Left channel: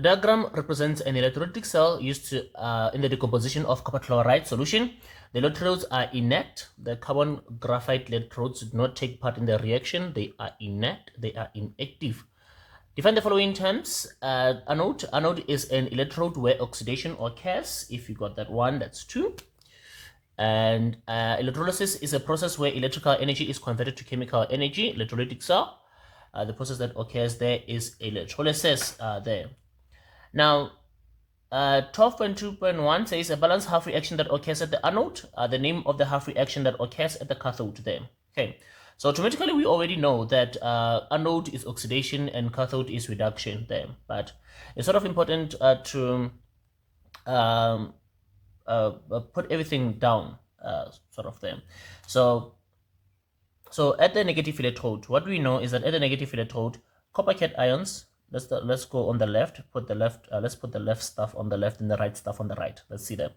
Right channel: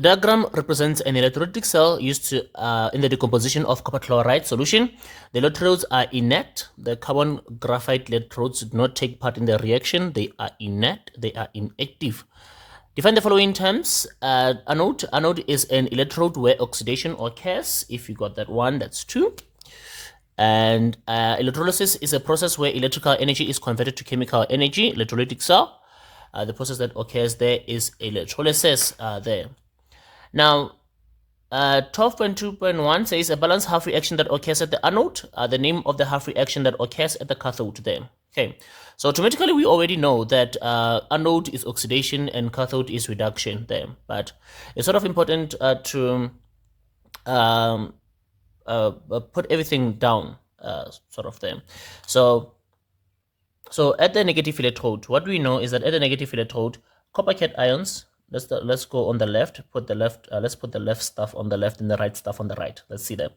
The diagram represents an electrolytic cell used to, in the decomposition of copper chloride solution. The electrodes are inert. The carbon graphite electrodes do not take part in the reaction. They are inert. They are inactive. Define the following terms. Anode. Anode is an electrode where oxidation occurs. If you got that one, that's 2. And electrolysis is a process where electrical energy is converted to chemical energy. Electrolytic cell. The process that occurs there is electrolysis there. Now, 12.2.1 says a balanced half reaction that occurs at the anode. The name of the half reaction that occurs at the cathode there. Okay, so automatically we already know that anode is oxidation and cathode is reduction there. But it's sort of important to put everything down sort of there. So at the negative electrode, what we know is that at the negative electrode, copper cations. Let's go on the left. Let's put the left stuff on the left and the right stuff on the right. Let's see that.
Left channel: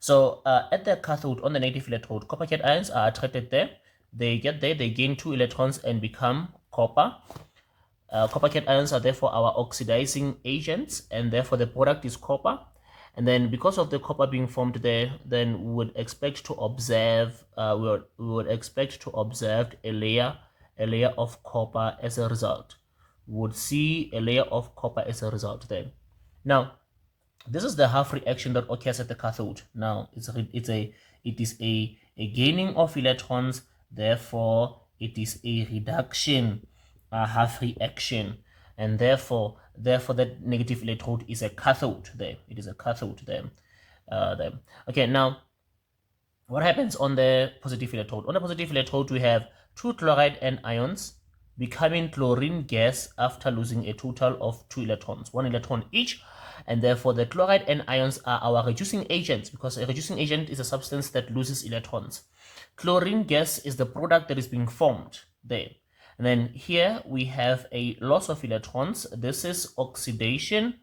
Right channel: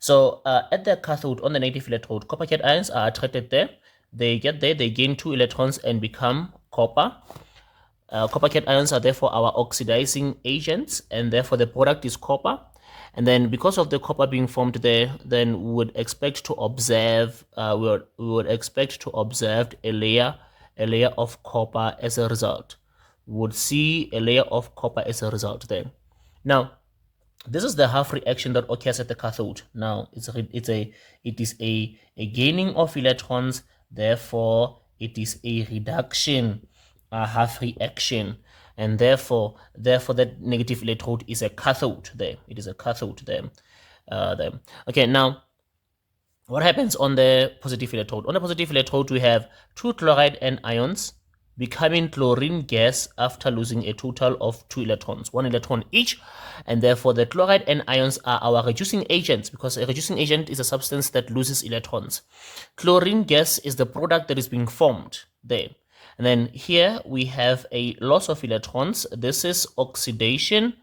So at the cathode on the negative electrode, copper cations are attracted there. They get there. They gain 2 electrons and become copper. Copper cations are therefore our oxidizing agents, and therefore the product is copper. And then because of the copper being formed there, then we would expect to observe we would expect to observe a layer of copper as a result. Would see a layer of copper as a result there. Now, this is the half reaction that occurs at the cathode. Now, it is a gaining of electrons, therefore it is a reduction, a half reaction, and therefore that negative electrode is a cathode there. It is a cathode there. Okay, now what happens on the positive electrode? On the positive electrode, we have 2 chloride anions becoming chlorine gas after losing a total of 2 electrons, 1 electron each, and therefore the chloride anions are our reducing agents, because a reducing agent is a substance that loses electrons. Chlorine gas is the product that is being formed there. And then here we have a loss of electrons. This is oxidation.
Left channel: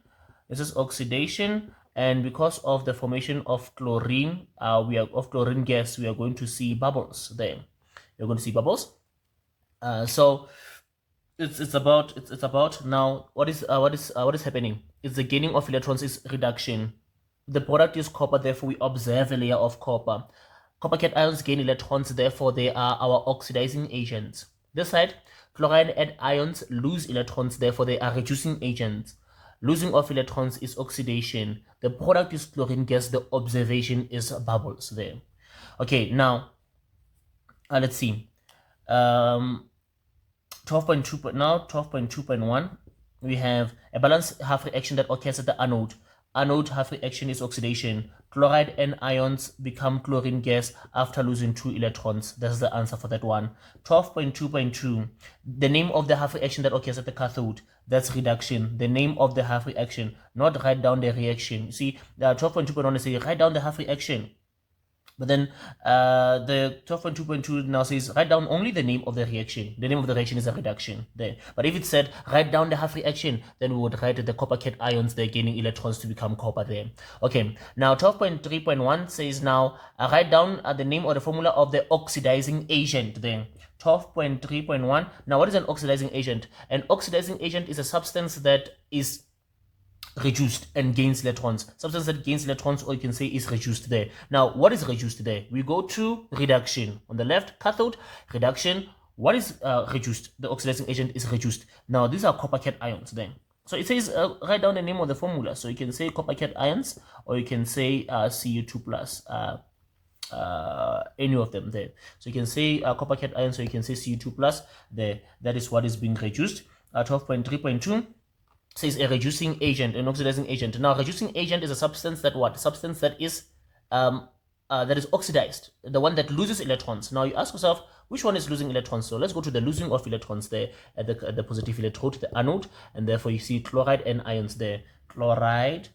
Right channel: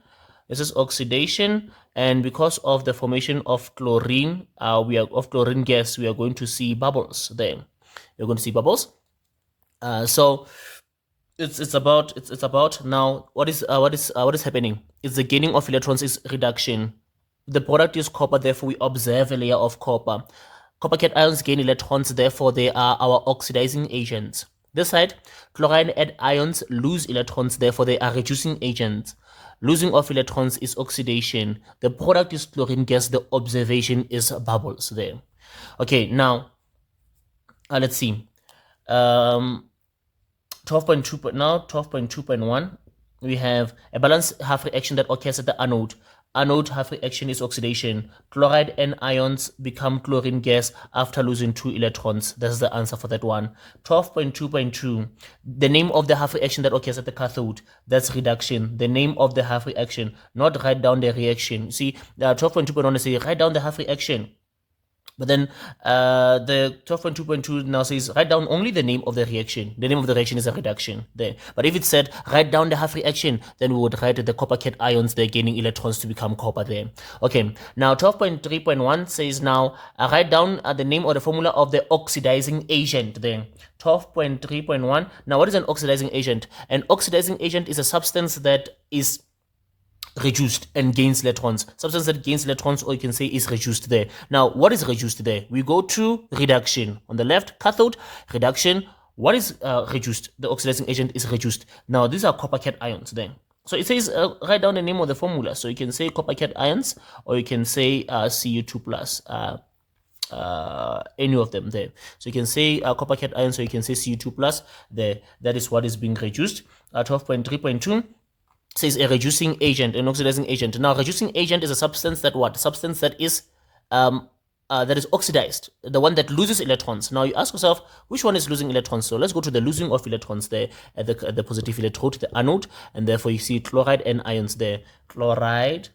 And because of the formation of chlorine, chlorine gas, we are going to see bubbles there. You're going to see bubbles. So it's about now what is happening? It's the gaining of electrons is reduction. The product is copper, therefore we observe a layer of copper. Copper cations gain electrons, therefore they are our oxidizing agents. This side, chloride ions lose electrons, therefore they are reducing agents. Losing of electrons is oxidation. The product is chlorine gas. The observation is bubbles there. Okay, now let's see. 12.2.1, we have a balanced half reaction that occurs at the anode. Anode half reaction is oxidation. Chloride anions become chlorine gas after losing 2 electrons. That's the answer for that one. 12.2.2, the name of the half reaction that occurs at the cathode, that's reduction. The name of the half reaction, not write down the reaction. See, 12.2.1 say write down the half reaction. But then the 12.2.2 now says write down only the name of the reaction. The name of the reaction is a reduction there. But if it said write down the half reaction, then we would write the copper cations there gaining electrons to become copper there. Okay, now 12.3.1 says now write down the name or the formula of the oxidizing agent there. 12.3.1. Now what is an oxidizing agent? An oxidizing agent is a substance that is reduced and gains electrons. Substance that gains electrons, or you can say is reduced there. Now, what is reduced there? We go to reduction. On the left, cathode, reduction. What is reduced? The oxidizing agent is reduced. Now, these are copper cations then. So it says write down the name of the formula. So you can say copper cations, or you can say Cu2 plus. Any of them there. So you can say copper cations, or you can say Cu2 plus there. That is what is being reduced. 12.3.2 says a reducing agent, an oxidizing agent. Now, reducing agent is a substance that what? Substance that is oxidized, the one that loses electrons. Now, you ask yourself, which one is losing electrons? So let's go to the losing of electrons there at the positive electrode, the anode, and therefore you see chloride anions there. Chloride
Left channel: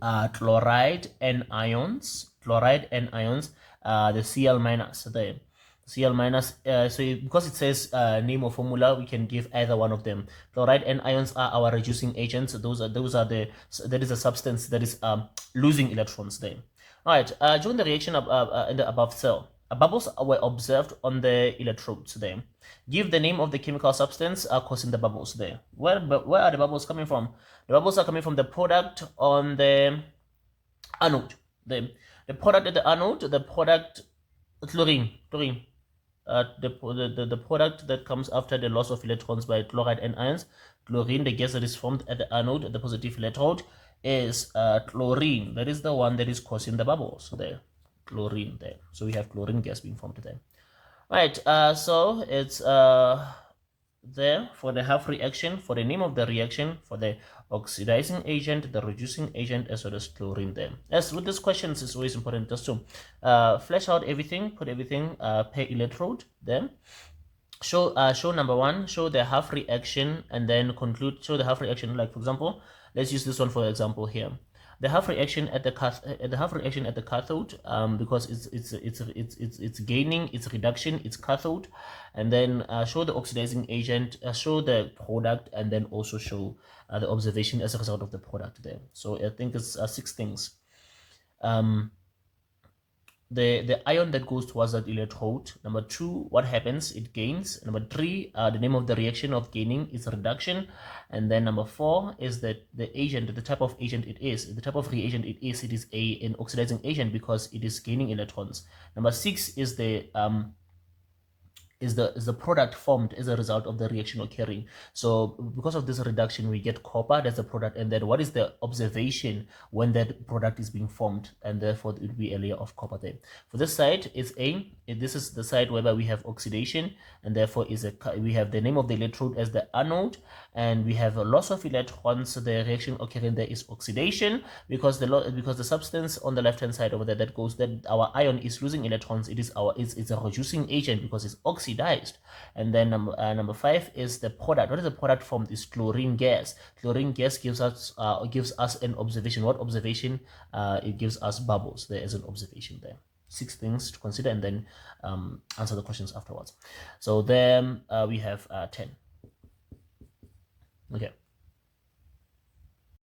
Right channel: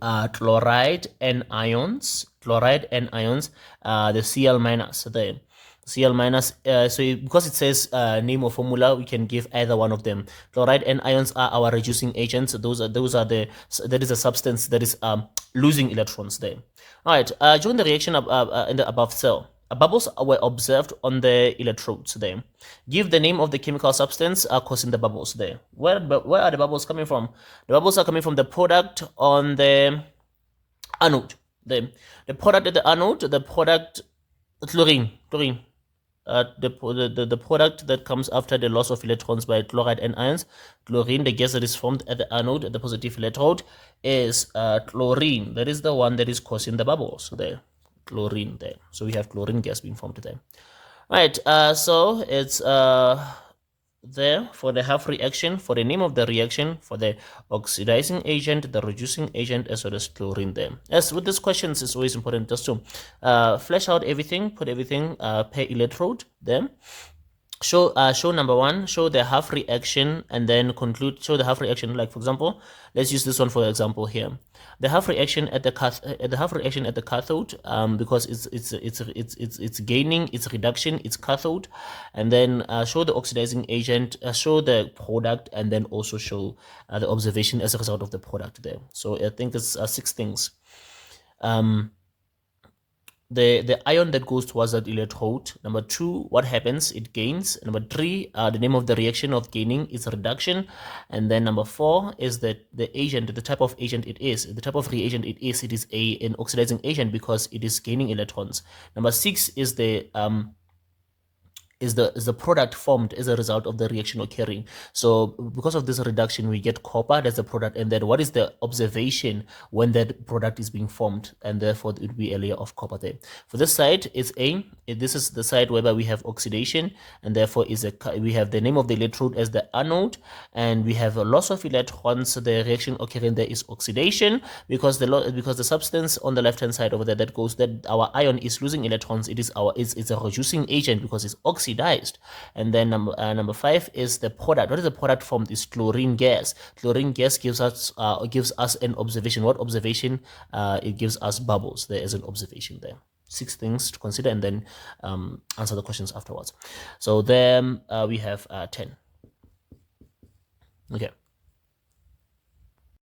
anions, the Cl minus there. Cl minus, so because it says name or formula, we can give either one of them. Chloride anions are our reducing agents. That is a substance that is losing electrons there. All right, join the reaction in the above cell. bubbles were observed on the electrodes there. Give the name of the chemical substance causing the bubbles there. Where are the bubbles coming from? The bubbles are coming from the product on the anode. The product at the anode, the product chlorine. The product that comes after the loss of electrons by chloride and ions, chlorine, the gas that is formed at the anode, at the positive electrode, is chlorine. That is the one that is causing the bubbles there. Chlorine there. So we have chlorine gas being formed there. Right, so it's there for the half reaction, for the name of the reaction, for the oxidizing agent, the reducing agent, as well as chlorine there. As with these questions, it's always important just to flesh out everything, put everything per electrode there. Show number one, show the half reaction, and then conclude, show the half reaction. Like for example, let's use this one for example here. The half reaction at the cathode, because it's gaining, it's reduction, it's cathode, and then show the oxidizing agent, show the product, and then also show the observation as a result of the product there. So I think it's 6 things. The ion that goes towards that electrode. Number 2, what happens? It gains. Number 3, the name of the reaction of gaining is reduction. And then number 4 is that the agent, the type of agent it is. The type of reagent it is an oxidizing agent because it is gaining electrons. Number 6 is the product formed as a result of the reaction occurring. So because of this reduction, we get copper, that's the product. And then what is the observation when that product is being formed? And therefore it would be a layer of copper there. For this side, it's A. This is the side whereby we have oxidation, and therefore we have the name of the electrode as the anode, and we have a loss of electrons. So the reaction occurring there is oxidation, because the substance on the left hand side over there that our ion is losing electrons, it's a reducing agent because it's oxidized. And then number 5 is the product. What is the product formed? Is chlorine gas. Chlorine gas gives us an observation. What observation? It gives us bubbles. There is an observation there. 6 things to consider, and then answer the questions afterwards. So then we have 10. Okay.